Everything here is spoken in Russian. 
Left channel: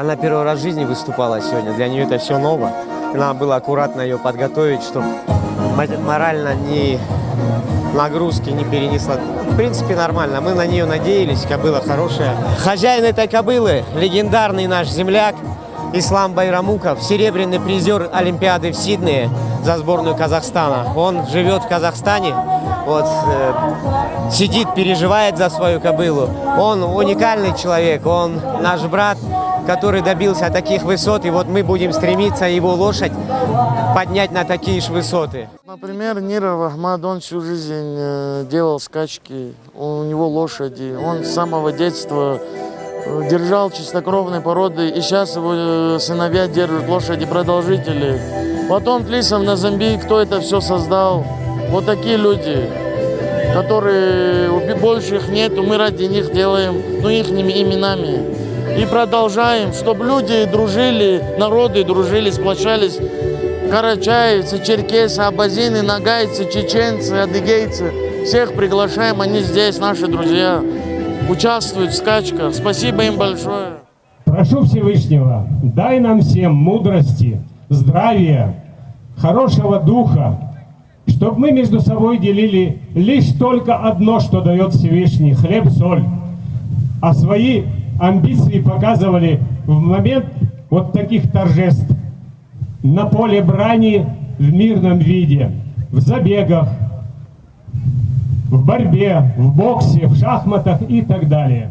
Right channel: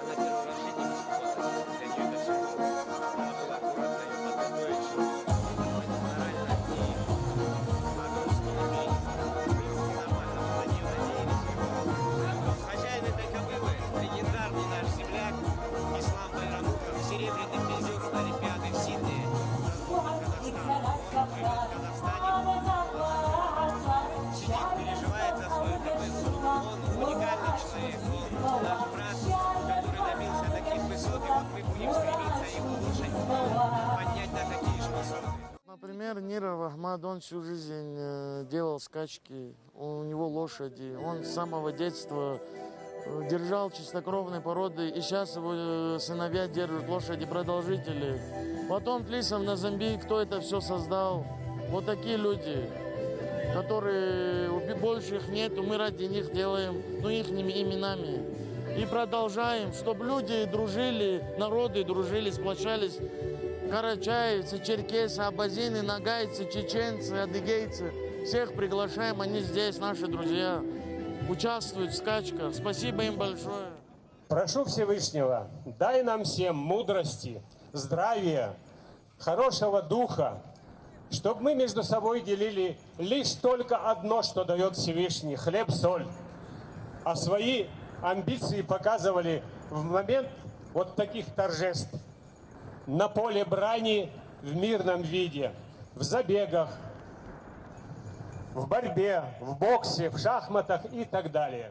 Она первый раз в жизни выступала сегодня, для нее это все ново. Надо было аккуратно ее подготовить, чтобы морально нагрузки не перенесла. В принципе, нормально. Мы на нее надеялись, кобыла хорошая. Хозяин этой кобылы, легендарный наш земляк Ислам Байрамуков, серебряный призер Олимпиады в Сиднее за сборную Казахстана. Он живет в Казахстане, вот, сидит, переживает за свою кобылу. Он уникальный человек, он наш брат, который добился таких высот, и вот мы будем стремиться его лошадь поднять на такие же высоты. Например, Ниров Ахмад, он всю жизнь делал скачки, у него лошади, он с самого детства держал чистокровные породы, и сейчас его сыновья держат лошади продолжители. Потом Тлисов на Замбии, кто это все создал? Вот такие люди, которые больше их нету, мы ради них делаем, их именами. И продолжаем, чтобы люди дружили, народы дружили, сплочались. Карачаевцы, черкесы, абазины, нагайцы, чеченцы, адыгейцы. Всех приглашаем, они здесь, наши друзья. Участвуют в скачках. Спасибо им большое. Прошу Всевышнего, дай нам всем мудрости, здравия, хорошего духа, чтобы мы между собой делили лишь только одно, что дает Всевышний – хлеб, соль. А свои амбиции показывали в момент вот таких торжеств на поле брани в мирном виде, в забегах, в борьбе, в боксе, в шахматах и так далее.